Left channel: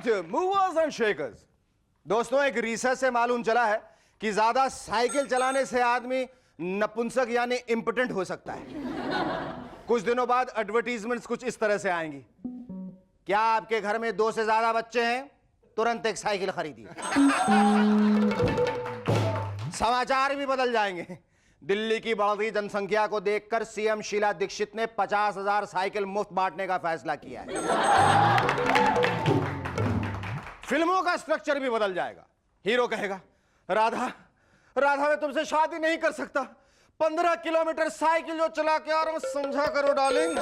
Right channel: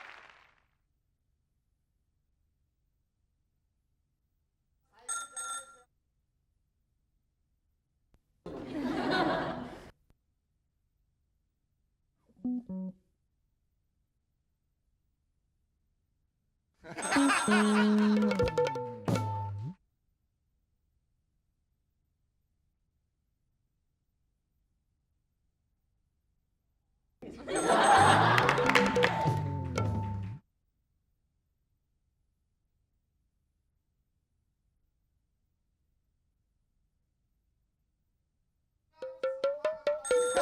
Welcome to movers and shakers. दोस्तों, एक research से मालूम चला है कि ज्यादा साइकिल चलाने से आदमी नपुंसक यानी इंपोटेंट हो सकता है। कुछ दिनों बाद एडवर्टीजमेंट्स कुछ इस तरह से आएंगी। क्या आपके घर में 2 से ज्यादा बच्चे हैं? तुरंत एक साइकिल खरीदिए। समाचार भी बदल जाएंगे। दिल्ली की बढ़ती जनसंख्या को देखकर सीएम शीला दीक्षित ने 50,000 साइकिल मुफ्त बांटने का फैसला किया है। फिल्मों का स्ट्रक्चर भी बदल जाएगा। हीरो कहेगा, राधा राधा मैं तुमसे शादी नहीं कर सकता, 15 किलोमीटर साइकिल जो चला के आ रहा हूं, समझा करो डार्लिंग।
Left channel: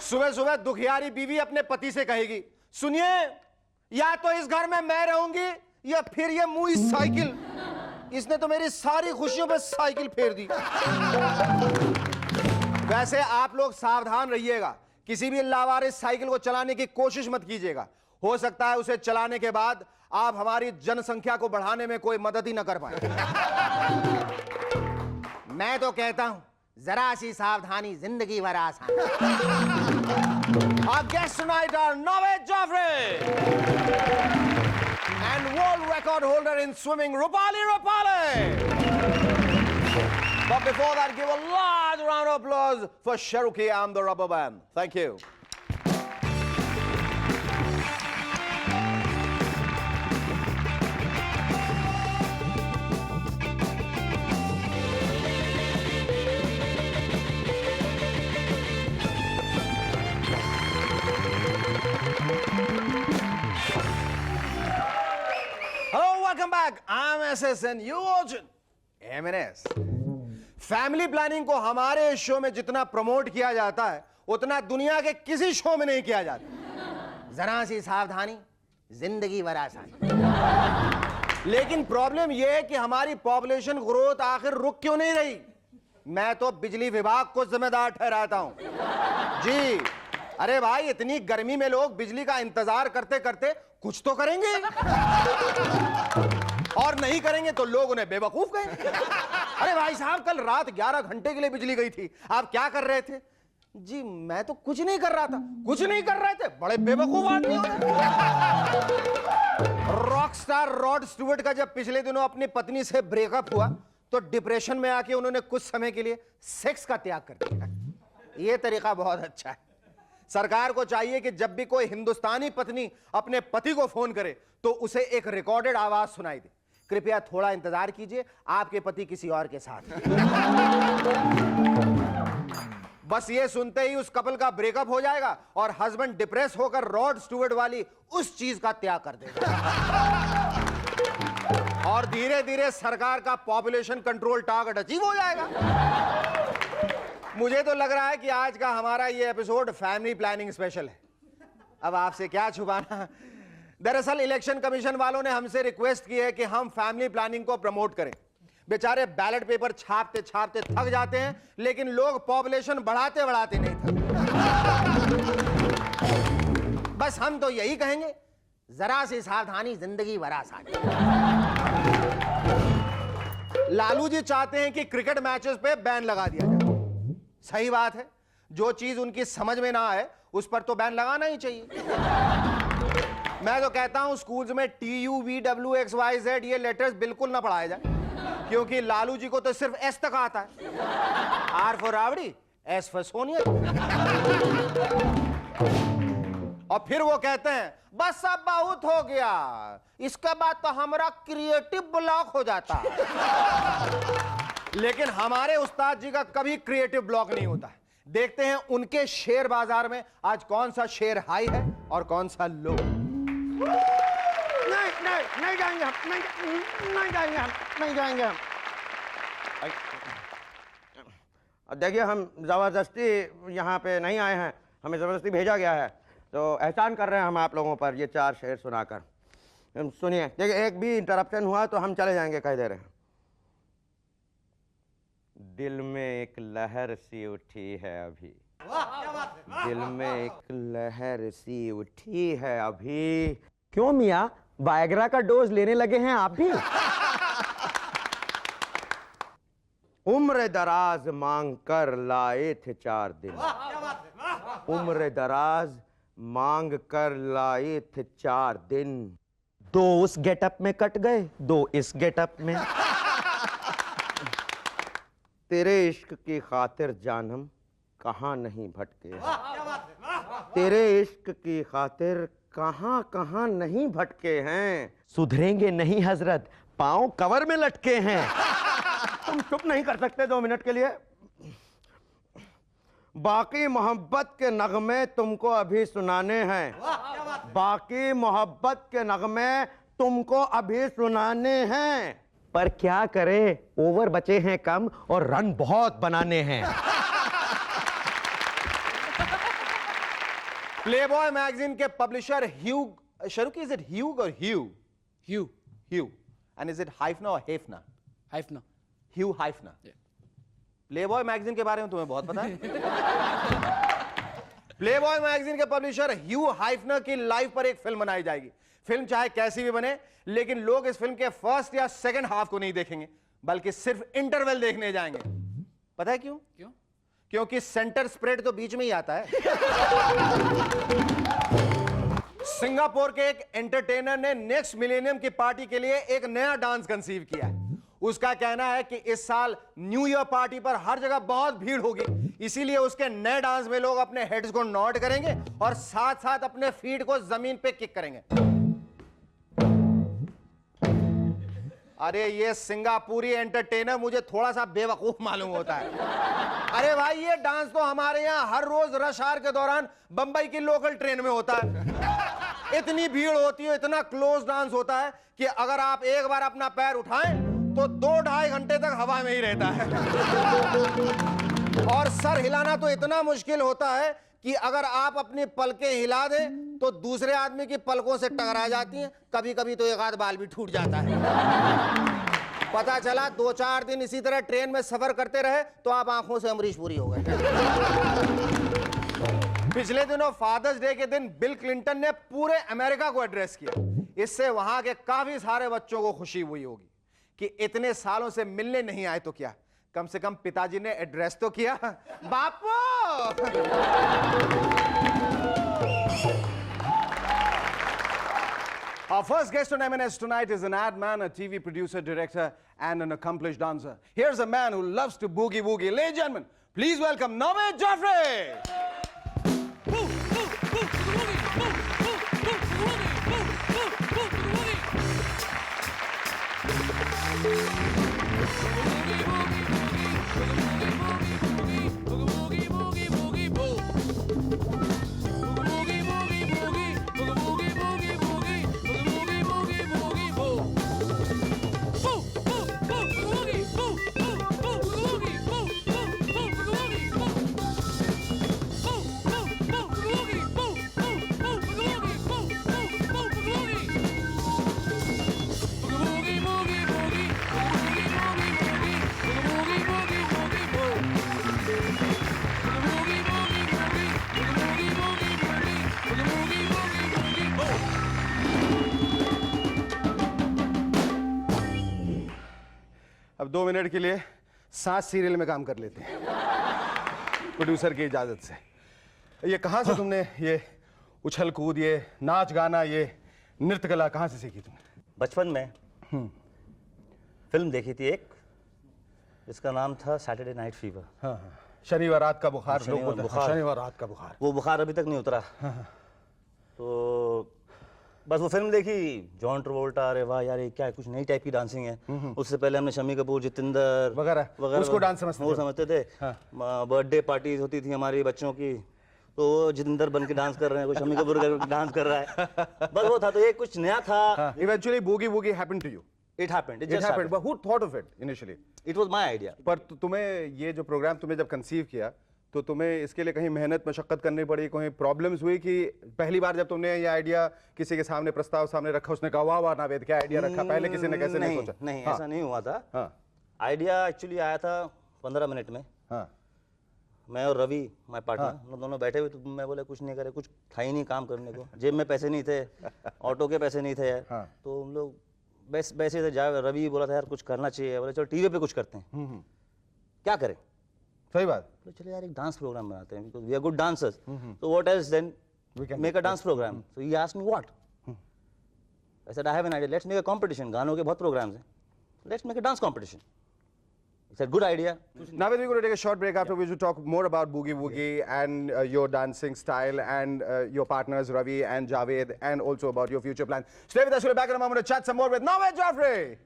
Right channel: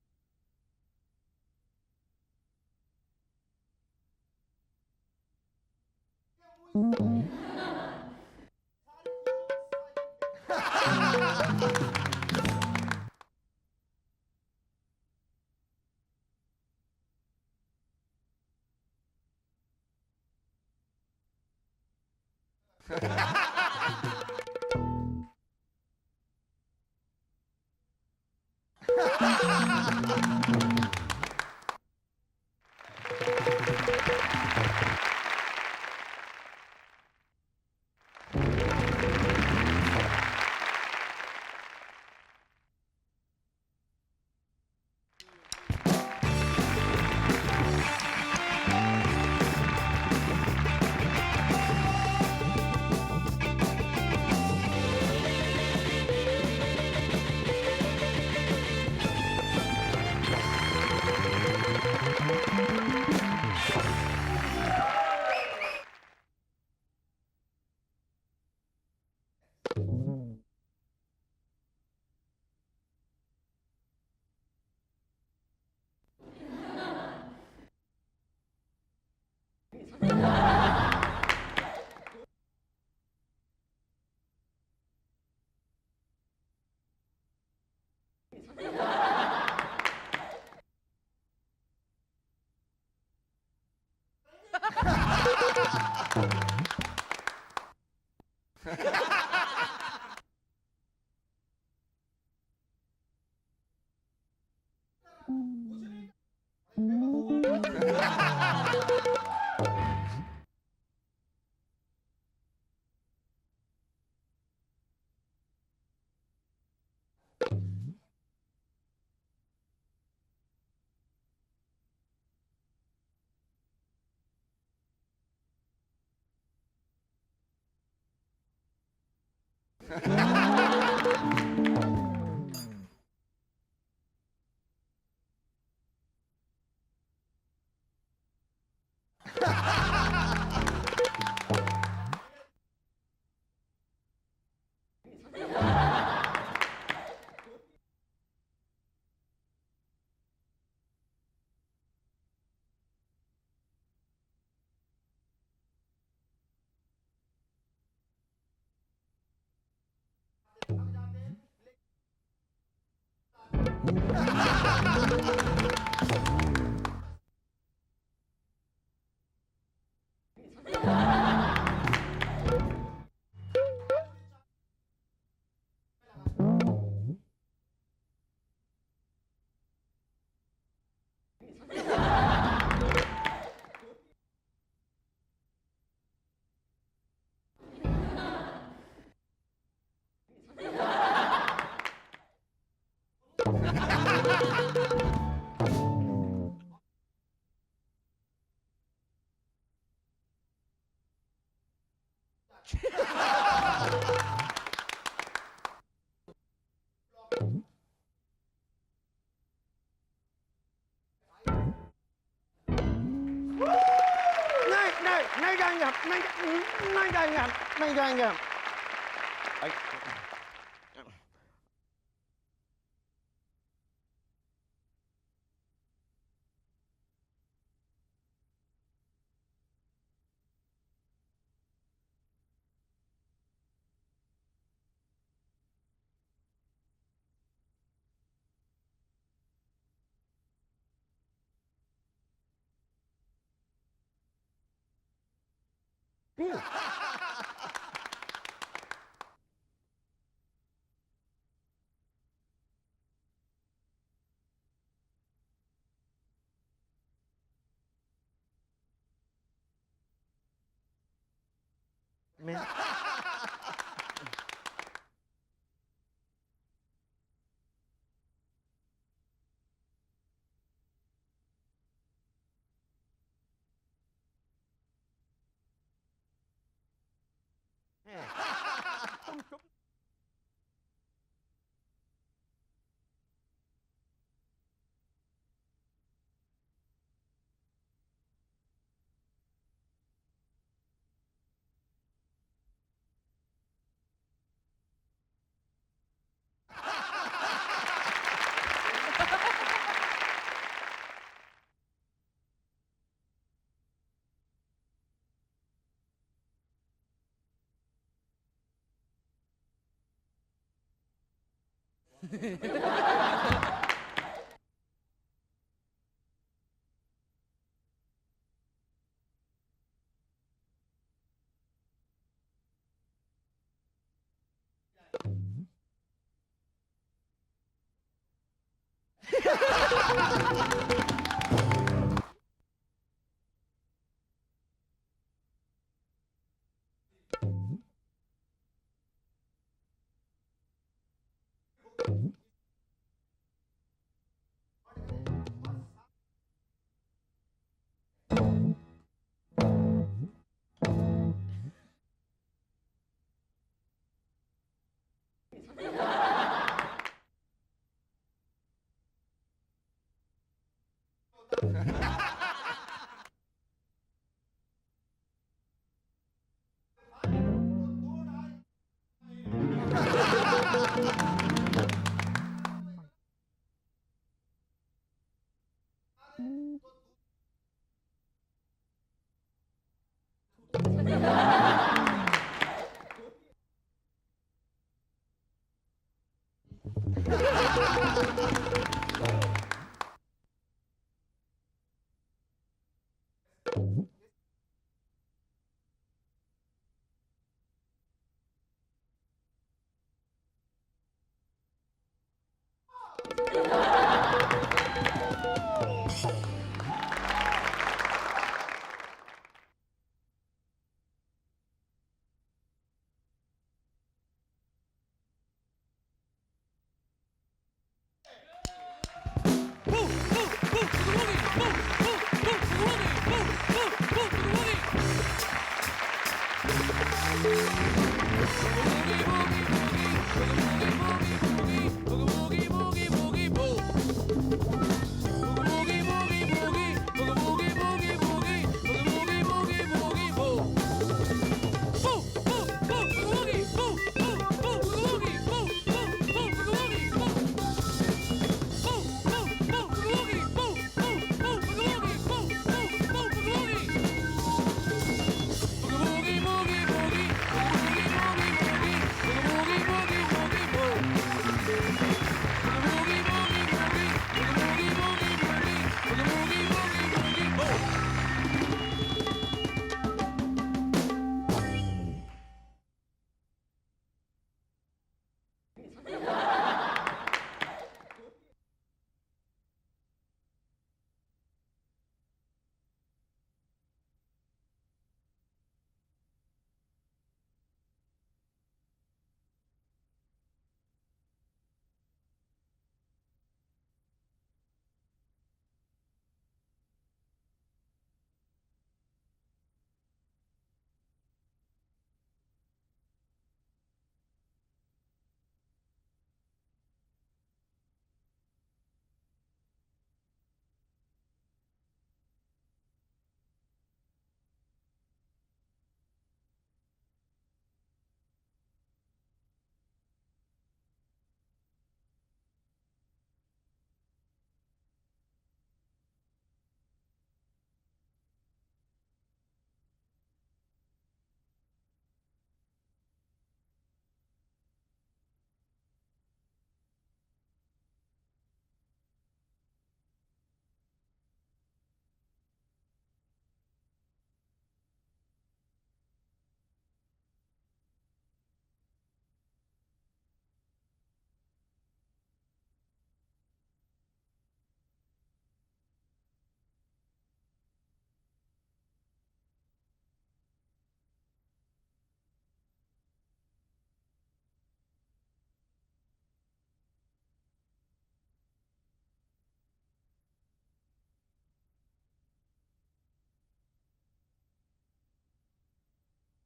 सुबह सुबह दुखियारी बीवी अपने पति से कहेगी, सुनिए, या तो इस घर में मैं रहूंगी या फिर ये मुई साइकिल, इसने तो मेरी सारी खुशियों पे साइकिल फेर दी। वैसे आप लोग सावधान रहिएगा, किसी भी लावारिस साइकिल को चलाने की कोशिश मत कीजिएगा। हो सकता है उसे चलाने के बाद आप हमारी जनसंख्या को बढ़ाने में कोई मदद ही न कर पाए। मैं तो कहता हूं, जरा सी सावधानी जिंदगी भर आसान। Our guests tonight are Naved Jaffrey and world record holder in swimming Rupali Rupali. But before that, give a large round of applause for Cherokee and the Rubber Band. Thank you. And you watching M&S. Family planning को हमारे show में जितना promote किया जाता है उतना दुनिया के किसी शो में नहीं किया जाता। जरा सी सावधानी जिंदगी भर आसान। लेकिन प्रॉब्लम यह है कि हमारी पॉपुलेशन ग्रोथ आखिर रुक क्यों नहीं रही? मैं तो बिजली विभाग को जिम्मेदार ठहराता हूं। जी, अरे भाई, इतनी गर्मी में लोग बिजली का इंतजार करते करते कुछ तो करेंगे, और नहीं करेंगे तो लोग उन्हें बेवकूफ कहेंगे। अरे भाई साहब, कल रात 11 घंटे के लिए बिजली गई थी, आप क्या कर रहे थे? जी मैं तो कुछ नहीं कर रहा था। कुछ नहीं कर रहे थे? बड़े बेवकूफ आदमी। रॉक स्टार रॉड स्टुअर्ट का जब पिछले दिनों अपनी पत्नी से ब्रेकअप हुआ तो डिप्रेशन में आके उन्होंने कुछ समय के लिए सेक्स का त्याग कर दिया। यह तरीका बहुत अच्छा है। सरकार को चाहिए कि जब भी कोई हिंदुस्तानी पत्नी अपने पति को फोन करे तो उसे एक रिकॉर्डेड आवाज सुनाई दे, कृपया थोड़ा इंतजार कीजिए, आपके पति किसी और के साथ। बस ये सुनते ही उस कपल का ब्रेकअप हो जाएगा और हस्बैंड डिप्रेस होकर रॉड स्टुअर्ट वाली उस चीज का त्याग कर देगा। और धीरे धीरे सरकार का पॉपुलेशन कंट्रोल टारगेट अचीव हो जाएगा। मुझे तो लग रहा है कि आज का हमारा ये एपिसोड फैमिली प्लानिंग स्पेशल है। अब आपसे क्या छुपाना, दरअसल इलेक्शन कमीशन वालों ने हमसे रिक्वेस्ट की है कि हम फैमिली प्लानिंग को प्रमोट करें। बेचारे बैलेट पेपर छापते छापते थक जाते हैं, लेकिन लोग पॉपुलेशन बढ़ाते बढ़ाते नहीं थकते। बस हम तो यही कहेंगे, जरा सी सावधानी जिंदगी भर आसान। लालू जी चाहते हैं कि क्रिकेट मैचेस पे बैन लगा दिया जाए। सही बात है, जो चीज उनकी समझ में ना आए उस पर तो बैन लगाना ही चाहिए। मैं तो कहता हूं स्कूल्स में TUVWXYZ ये लेटर्स बिल्कुल ना पढ़ाए जाए, क्योंकि लालू जी को तो सिर्फ एस तक आता है। R for rowdy, S for Sonia. और फिर वो कहते हैं बस अब बहुत हो गया, इसके बाद तो हमारा क्रिएटिव ब्लॉक हो जाता। लेकिन हमारे उस्ताद जी का कभी क्रिएटिव ब्लॉक नहीं होता है। देखते हैं उनके शेयर बाजार में आज कौन सा शेयर हाई है और कौन सा लो। नहीं जाएंगे हम, नहीं जाएंगे हम, नहीं जाएंगे हम। देखिए, हम जबरदस्ती यहाँ पे नहीं आए हैं, हमें जबरदस्ती भेजा गया है, तो एहसान कर रहे हैं हम आप लोगों पर ये 4 शेर सुनाकर। सुनिए, देखिए, एक भी इंटरप्शन हुआ तो हम चले जाएंगे, कह दे रहे हैं। दिल में एक लहर सी उठी है अभी, दिल में एक लहर सी उठी है अभी। क्यों मियाँ, वायग्रा का डोज लेने लगे हैं आप भी? उम्र दराज मांग कर लाए थे 4 दिन, उम्र दराज मांग कर लाए थे 4 दिन, 2 उस गेटअप में कट गए, 2 इस गेटअप में। तेरे इश्क की खातिर जानम कहाँ नहीं भटके, तेरे इश्क की खातिर कहाँ कहाँ नहीं भटके हैं। सुधरेंगे नहीं हजरत, पांव कवर में लटके हैं। तुम चुप नहीं कर सकते 2 मिनट के लिए? बाकी मोहब्बत के नगमे तुमको अभी सुनाने हैं, बाकी मोहब्बत के नगमे तुमको अभी सुनाने हैं। पर क्या करें, ओवर बचे हैं कम और रन बहुत बनाने हैं। प्लेबॉय मैगजीन के पब्लिशर ह्यूग शरुकी, इज इट ह्यूग और Hugh? Hugh. And is it Hefner और हेफना? हाइफना। ह्यू हाइफना। प्लेबॉय मैगजीन के बारे में तुम्हें बहुत पता है। प्लेबॉय मैगजीन के पब्लिशर ह्यू हाइफनर की लाइफ पर एक फिल्म बनाई जाएगी। फिल्म चाहे कैसी भी बने, लेकिन लोग इस फिल्म के फर्स्ट या सेकंड हाफ को नहीं देखेंगे, बल्कि सिर्फ इंटरवल देखने जाएंगे। पता है क्यों? क्योंकि सेंटर स्प्रेड तो बीच में ही आता है। सिंगापुर के एक एंटरटेनर ने नेक्स्ट मिलेनियम की पार्टी के लिए एक नया डांस कंसीव किया है। उसका कहना है कि इस साल न्यू ईयर पार्टी पर हर जगह बहुत भीड़ होगी, इसीलिए उसके नए डांस में लोग अपने हेड्स को नॉड करेंगे और साथ साथ अपने फीट को जमीन पे किक करेंगे। अरे ये सिंगापुरी एंटरटेनर मुझे थोड़ा सा बेवकूफ मालूम होता है। अरे भाई, ये डांस तो हमारे यहाँ हर रोज रश आवर के दौरान बंबई की लोकल ट्रेन में होता है। इतनी भीड़ होती है, इतना क्लोज डांस होता है कि अगर आप एक बार अपना पैर उठाएं तो 2-2.5 घंटे तक हवा में ही रहता है। और सर हिलाना तो इतना मुश्किल होता है कि अगर आप अपनी पलकें हिला दें तो दूसरे आदमी की पलकों से टकरा जाती हैं। कभी कभी तो एक आध बाल भी टूट जाता है। पता चला 2-4 दिन इसी तरह ट्रेन में सफर करते रहे तो आप आंखों से अमरीश पुरी हो गए। पिछले दिनों फादर्स डे के दिन बिल क्लिंटन ने पूरे अमेरिका को एड्रेस किया। इससे वहां के काफी सारे बच्चों को खुशी हुई होगी कि इतने सालों से मिलने नहीं आए तो क्या, कम से कम पिताजी ने एड्रेस तो किया। बापू! Our first guest on M&S tonight is an ad man, a TV producer, director, and an accomplished dancer. Here's a man who loves to boogie woogie. Ladies and gentlemen, please welcome Naved Jaffrey! अब 2 minute के लिए 7 serial में काम कर लेते हैं producer की इजाजत से। ये कहाँ से तुमने ये उछल कूद, ये नाच गाना, ये नृत्य कला कहाँ से सीखी तुमने? बचपन में फिल्म देखी थी एक, जिसका नाम था सैटरडे नाइट फीवर। हाँ हाँ, शनिवार रात का बुखार लोग बोलते हैं। बुखार। शनिवार रात का बुखार। वो बुखार अभी तक नहीं उतरा। तो बस वो फिल्म देखी, जॉन ट्रवोल्टा, अरे वाह यार ये क्या है, कुछ नई टाइप की डांसिंग है। उससे पहले हमने शम्मी कपूर, जितेंद्र वगैरह उसको डांस समझते वो समझते थे। बर्थडे पार्टीज होती थी हमारी बच्चों की, तो वो जितेंद्र बन के डांस कर रहे हैं, कोई शम्मी कपूर का डांस कर रहा है। बस वो था, तो ये कुछ नया था। Eventually boogie woogie happened to you? It happened. It happened. But who thought of it initially? It was my idea. पर तुम्हें ये जो प्रोग्राम तुमने जब कंसीव किया तो तुम्हें इसके लिए कहीं मेहनत मशक्कत करनी पड़ी, कोई प्रॉब्लम्स हुई कि पहली बार जब तुमने ये आइडिया किसी के सामने प्रस्ताव सामने रखा उसने कहा वाह वाह नावेद क्या आइडिया रखा, पहले किसी ने कैसे नहीं सोचा? नहीं ऐसा नहीं हुआ था। आइडिया एक्चुअली आया था 15 मिनट में। मैं और रवि माय पार्टनर, हम दोनों बैठे हुए, तो मैं बोले कुछ नहीं करे, कुछ था ही नहीं काम करने को, जेब में पैसे नहीं थे, ऑटो के पैसे नहीं थे यार। तो हम लोग वैसे थे, रवि बोला था यार कुछ करना चाहिए, बोले चलो टीवी पे कुछ करते हैं। क्या करें? सही बात. तो चलिए यार एक डांस प्रोग्राम बनाते हैं, because we are good dancers. So what else then? We can Make a dance program. So he asked me what? I said I have an idea. Let's make a competition. गानों के बहुत programs हैं. Let's make a dance competition. He said good idea. Now we're going to take a short break, after which we'll talk more about Boogie Woogie and your dancing style and your partners Ravi and Javed, and also about your future plans. Stay with us. We'll be back in a moment to chat some more with Naved Jaffrey.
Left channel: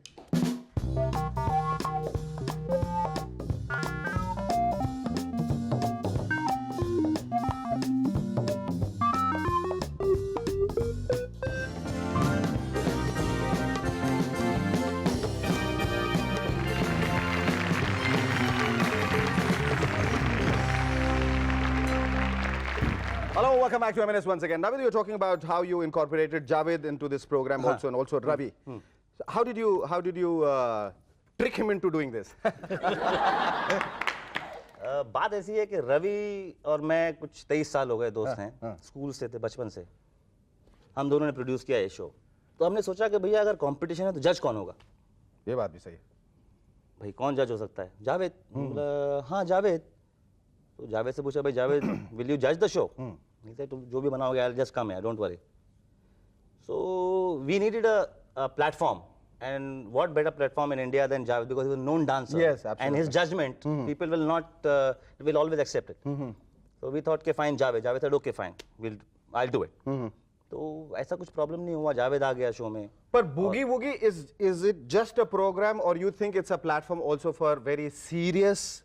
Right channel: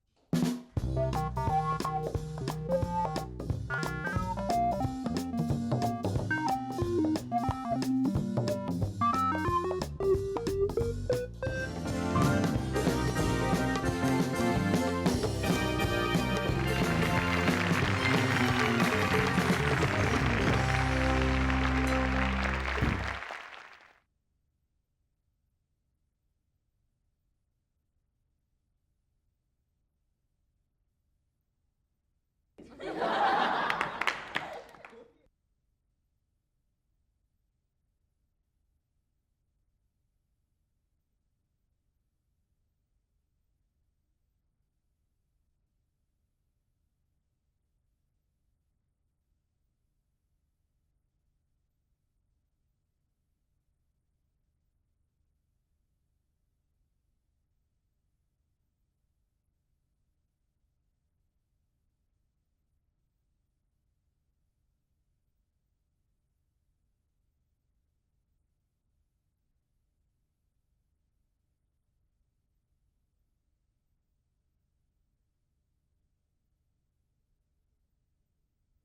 Hello, welcome back to M&S once again. Navid, you were talking about how you incorporated Javed into this program also, and also Ravi. So how did you trick him into doing this? बात ऐसी है कि रवि और मैं कुछ 23 साल हो गए दोस्त हैं, स्कूल से थे, बचपन से हम दोनों ने प्रोड्यूस किया ये शो. तो हमने सोचा कि भैया अगर कंपटीशन है तो जज कौन होगा. ये बात भी सही है. भाई कौन जज हो सकता है. जावेद. बोला हाँ जावेद. तो जावेद से पूछा भाई जावेद विल यू जज द शो. तुम जो भी बनाओगे I just come here, don't worry. So we needed a platform. And what better platform in India than Javed, because he's a known dancer. Yes, absolutely. And his judgment, people will not, will always accept it. So we thought, okay, fine, Javed. Javed said, okay, fine, I'll do it. तो ऐसा कुछ problem नहीं हुआ. जावेद आ गया show में. But Boogie Woogie, is it just a program, or you think it's a platform also for very serious,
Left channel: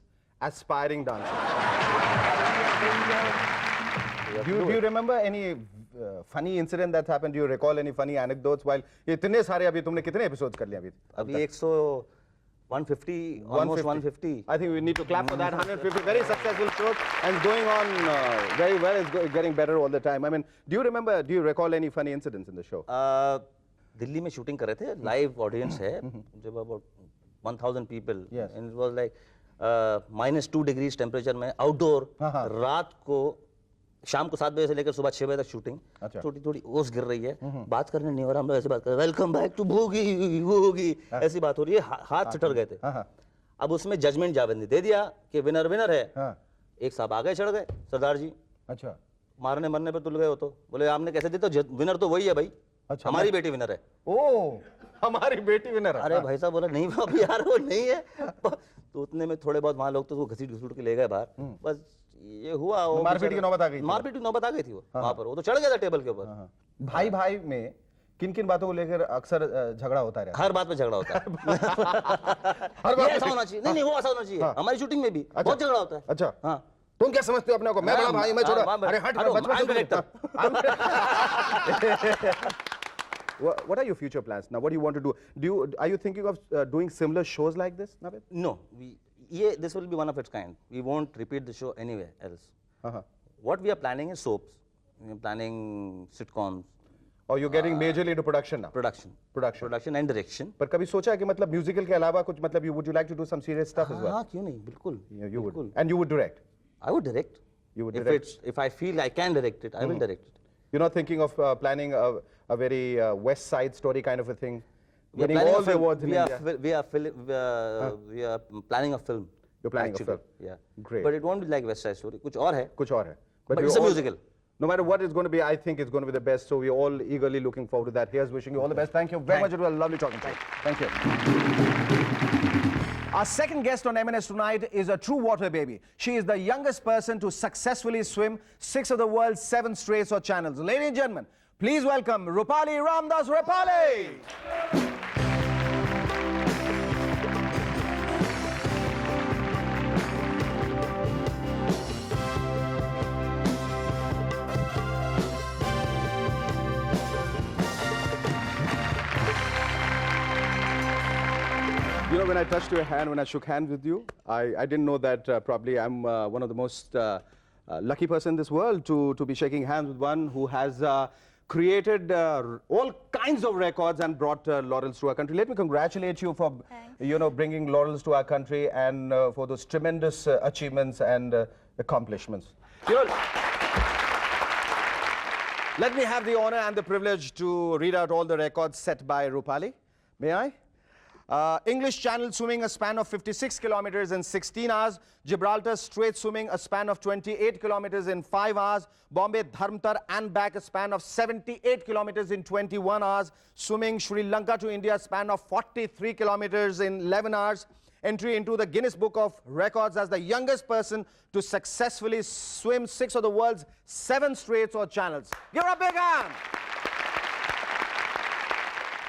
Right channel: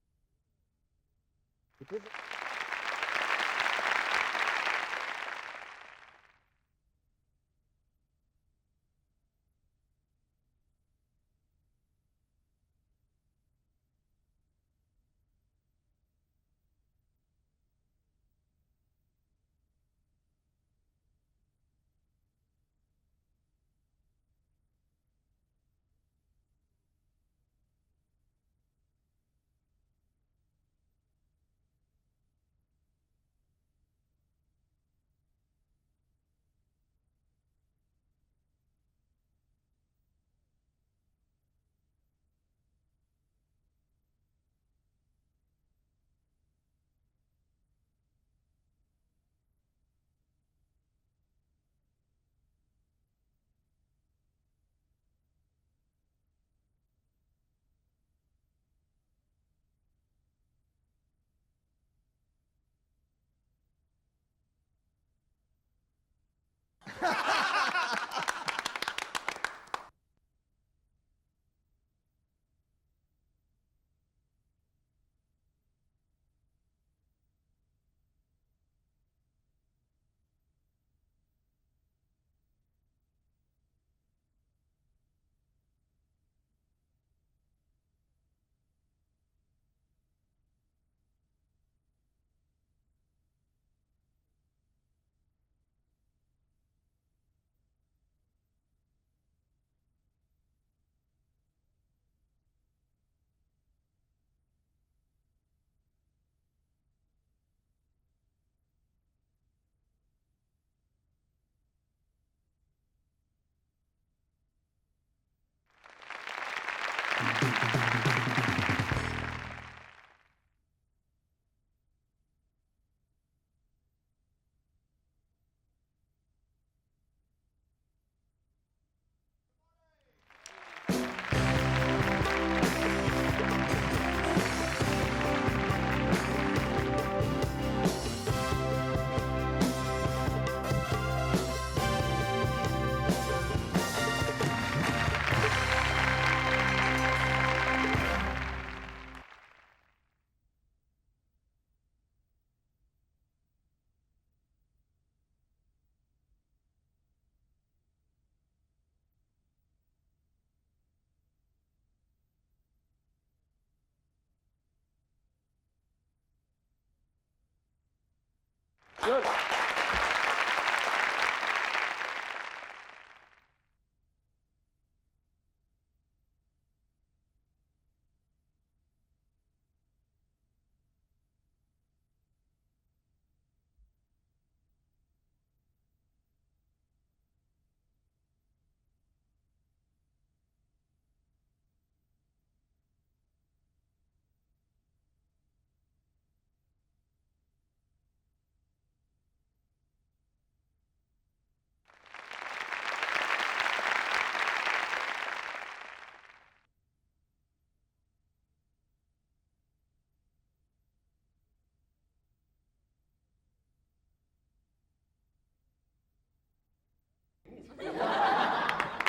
aspiring dancers? Do you remember any funny incident that's happened? Do you recall any funny anecdotes while ये इतने सारे अभी तुमने कितने episodes कर लिए अभी? अभी 150, almost 150. I think we need to clap for that. 150 very successful shows and going on very well. It's getting better all the time. I mean, do you recall any funny incidents in the show? Delhi में shooting कर रहे थे. Live audience है. जब about 1000 people. Yes. And it was like -2 degrees temperature में outdoor. रात को शाम को 7 बजे से लेकर सुबह 6 बजे तक शूटिंग. थोड़ी थोड़ी ओस गिर रही है. बात करने नहीं हो रहा. हम लोग ऐसे बात कर रहे हैं, वेलकम बैक टू भूगी ऐसी बात हो रही है. हाथ चटर गए थे. अब उसमें जजमेंट जावेद ने दे दिया कि विनर विनर है. एक साहब आगे चढ़ गए, सरदार जी. अच्छा. मारने मरने पे तुल गए हो. तो बोले आपने कैसे दी. तो विनर तो वही है भाई. अच्छा, हमारी बेटी विनर है. ओ हमारी बेटी विनर है. अरे भाई साहब बोला नहीं अभी यार वो नहीं है. तो उतने में थोड़े बहुत वहाँ लोग तो घसीट घसीट के ले गए बाहर. बस ये हुआ. वो मारपीट की नौबत आ गई थी. मारपीट की नौबत आ गई थी वो वहाँ पर. वो तो चढ़ गया था टेबल के ऊपर. भाई में किन बातों को लेकर अक्सर झगड़ा होता है. हर बात पे झगड़ा होता है. हर बात ऐसा होना चाहिए. नहीं वो ऐसा होना चाहिए. हमारी शूटिंग में भी बहुत झगड़ा होता है. अच्छा. हाँ. तुम क्या समझते हो अपने को? मैं बड़ा भाई, मैं छोटा. अरे हट. What are your future plans now? What do you want to do? Are you thinking of doing similar shows like this, Navid? No, this will be one of its kind. We won't repeat the show anywhere else. What we are planning is soaps. We are planning sitcoms. Or you're getting majorly into production now? Production and direction. पर कभी सोचा है कि मतलब musical के अलावा कुछ मतलब would you like to do some serious stuff as well? हाँ क्यों नहीं, बिल्कुल. You would. And you would direct? I would direct. You would direct? If I feel I can direct it, I will direct it. You're not thinking of planning a very West Side Story kind of a thing? We are planning a film. We are planning a film. You're planning a film? Yeah. Great. But it won't be like West Side Story. कुछ और है. कुछ और है. But it's a musical. No matter what it's going to be, I think it's going to be the best. So we're all eagerly looking forward to that. Here's wishing you all the best. Thank you very much. It was lovely talking to you. Thank you. Our second guest on M&S tonight is a true water baby. She is the youngest person to successfully swim 6 of the world's 7 straits or channels. Ladies and gentlemen, please welcome Roopali Ramdas Roopali. You know, when I touched your hand, when I shook hands with you, I didn't know that probably I'm one of the most lucky person in this world to be shaking hands with one who has created all kinds of records and brought laurels to our country. Let me congratulate you for, bringing laurels to our country and for those tremendous achievements and accomplishments. Let me have the honor and the privilege to read out all the records set by Roopali. May I? English Channel swimming a span of 56 kilometers in 16 hours. Gibraltar Strait swimming a span of 28 kilometers in 5 hours. Bombay Dharmtar and back a span of 78 kilometers in 21 hours. Swimming Sri Lanka to India span of 43 kilometers in 11 hours. Entry into the Guinness Book of Records as the youngest person to successfully swim 6 of the world's 7 straits or channels. Give her a big hand!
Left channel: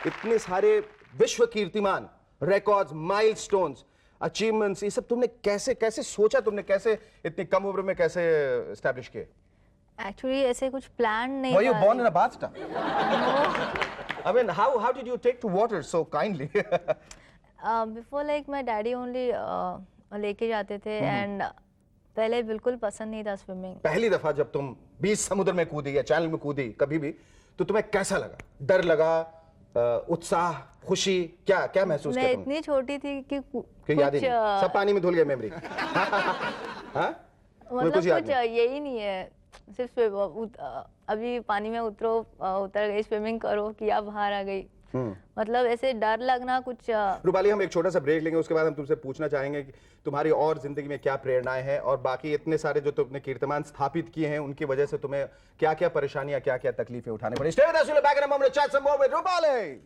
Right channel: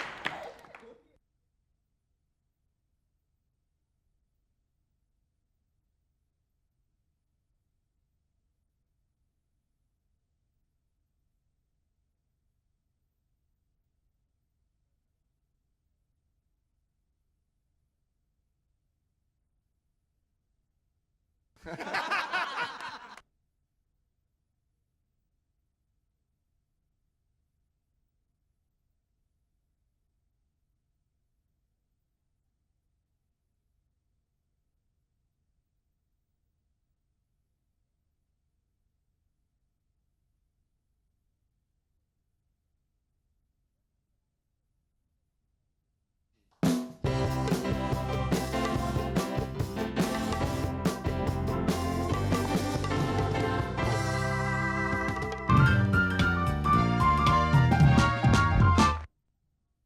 इतने सारे विश्व कीर्तिमान, records, milestones, achievements, ये सब तुमने कैसे सोचा, तुमने कैसे इतनी कम उम्र में कैसे establish किए? एक्चुअली ऐसे कुछ प्लान नहीं Were you था। born in a bathtub? I mean, how did you take to water so kindly? Before like my daddy only लेके जाते थे एंड पहले बिल्कुल पसंद नहीं था स्विमिंग। पहली दफा जब तुम बीच समुद्र में कूदी या चैनल में कूदी कभी भी, तो तुम्हें कैसा लगा? डर लगा, उत्साह, खुशी, क्या क्या महसूस किया मैं तुमने? इतनी छोटी थी कि याद ही कुछ नहीं, सब पानी में धुल गया मेमोरी। हाँ? मतलब कुछ याद कुछ यही नहीं है, सिर्फ अभी पानी में उतर गई, स्विमिंग करो किया, बाहर आ गई। मतलब ऐसे डर लगना कुछ। रूपाली, हम एक छोटा सा ब्रेक लेंगे, उसके बाद हम तुमसे पूछना चाहेंगे तुम्हारी और जिंदगी में क्या प्रेरणाएं हैं और बाकी इतने सारे जो तुमने कीर्तिमान स्थापित किए हैं उनकी वजह से तुम्हें क्या क्या परेशानियां, क्या क्या तकलीफें उठानी पड़ी। Stay with us, we'll be back in a moment to chat some more with Rupali.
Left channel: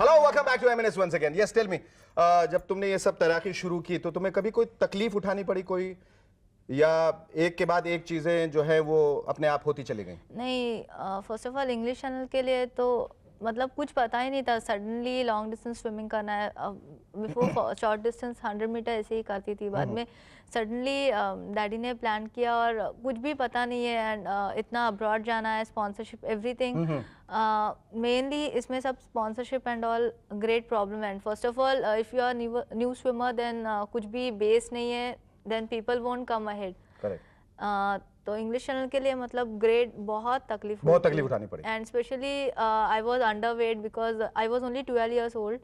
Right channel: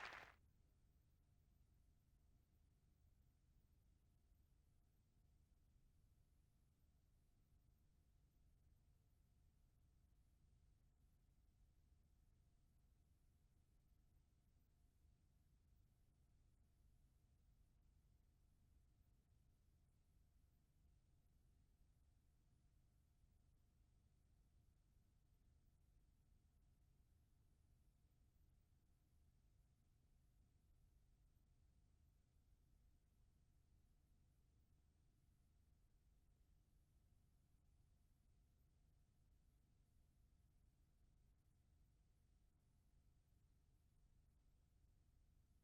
Hello, welcome back to MNS once again. Yes, tell me, जब तुमने ये सब तैराकी शुरू की तो तुम्हें कभी कोई तकलीफ उठानी पड़ी कोई, या एक के बाद एक चीजें जो है वो अपने आप होती चली गई? नहीं, first of all English channel के लिए तो मतलब कुछ पता ही नहीं था। सडनली लॉन्ग डिस्टेंस स्विमिंग करना है। बिफोर शॉर्ट डिस्टेंस 100 मीटर ऐसे ही करती थी, बाद में सडनली डैडी ने प्लान किया और कुछ भी पता नहीं है एंड इतना अब्रॉड जाना है, स्पॉन्सरशिप एवरीथिंग। मेनली इसमें सब sponsorship and all great problem. And first of all if you are new swimmer then कुछ भी बेस नहीं है, then people won't come ahead. Correct. तो इंग्लिश चैनल के लिए मतलब ग्रेट बहुत तकलीफ उठानी पड़ी। And specially I was under weight because I was only 12 years old।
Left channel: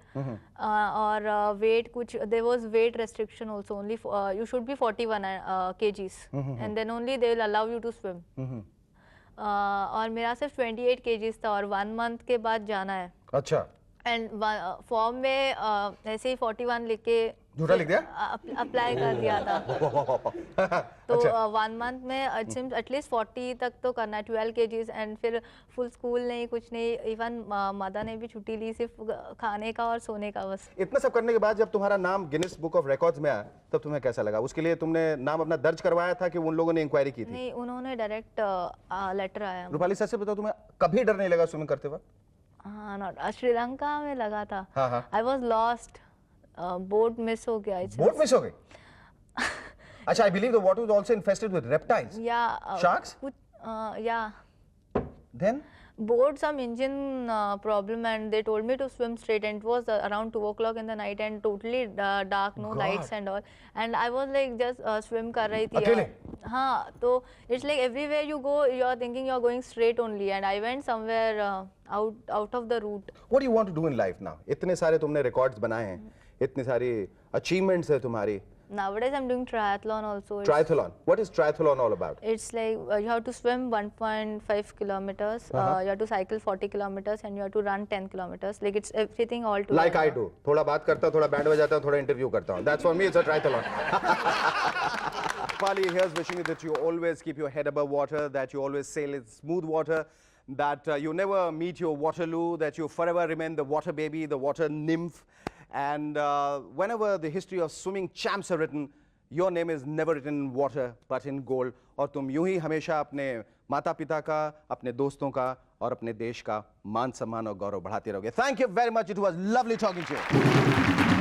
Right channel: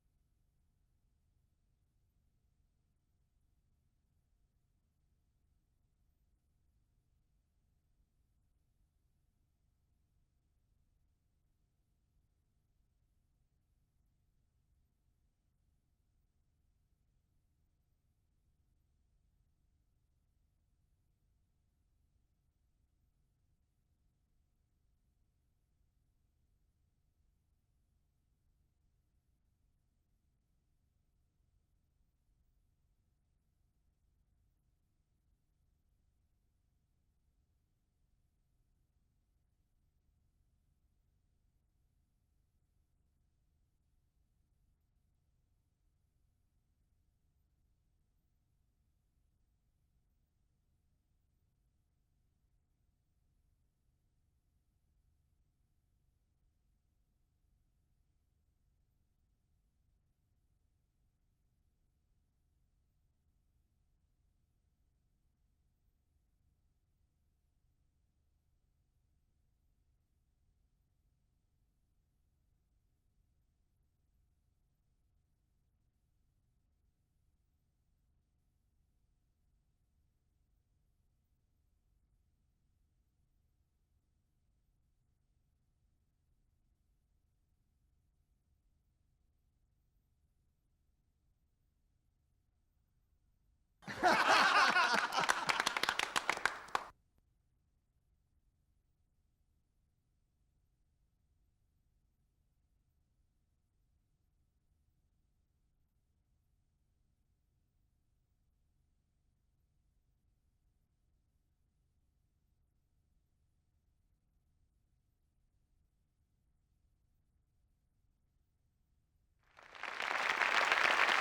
और वेट कुछ, there was weight restriction also, only you should be 41 kgs and then only they will allow you to swim. और मेरा सिर्फ 28 kgs था और 1 month के बाद जाना है। अच्छा। एंड फॉर्म में ऐसे ही 41 लिख के झूठा लिख दिया, अप्लाई कर दिया था। तो 1 month में एटलीस्ट 40 तक तो करना है, 12 kgs। एंड फिर फुल स्कूल नहीं, कुछ नहीं, इवन मदर ने भी छुट्टी ली सिर्फ खाने का और सोने का बस। इतना सब करने के बाद जब तुम्हारा नाम गिनीज बुक ऑफ रिकॉर्ड्स में आया तब तुम्हें कैसा लगा? उसके लिए तुमने नाम अपना दर्ज करवाया था कि उन लोगों ने इंक्वायरी की थी? नहीं, उन्होंने डायरेक्ट लेटर आया। रूपाली, सच से बताओ, तुम्हें कभी डर नहीं लगा स्विमिंग करते वक्त? हाँ, नॉट श्रीलंका में लगा था। हाँ। I was lost, boat miss हो गया। बोट मिस हो गई? अच्छा, I believe the water was also infested with reptiles. या शार्क्स? या then board some engine problem and they told me to swim straight, and it was around 2 o'clock in the night and totally dark, no lights and all, and I was like just swim कर रही थी अकेले? हाँ, तो it's like everywhere you go you are thinking you are going straight only, and I went somewhere out of the route. What do you want to do in life now? इतने सारे तुमने records बनाए हैं, इतनी सारी achievements है तुम्हारी। Nowadays I'm doing triathlon also. Triathlon. What is triathlon all about? It's like you have to swim 1.5 kilometers, you have to cycle 40 kilometers, and you have to run 10 kilometers. Like it's everything all together. Like I do. थोड़ा बात करता हूँ, थोड़ा band बजाता हूँ, थोड़ा interview करता हूँ. That's for me. It's a triathlon. Rupali, here's wishing you that you always keep your head above water, that you always sail in smooth water, that you never meet your Waterloo, that you forever remain the water baby, the water nymph. And whenever the history of swimming champs are written, your name is never written in water but in gold. और तुम यूं ही हमेशा अपने माता पिता का, अपने दोस्तों का और अपने देश का मान सम्मान और गौरव बढ़ाते रहोगे. Thank you very much. It was lovely talking to you.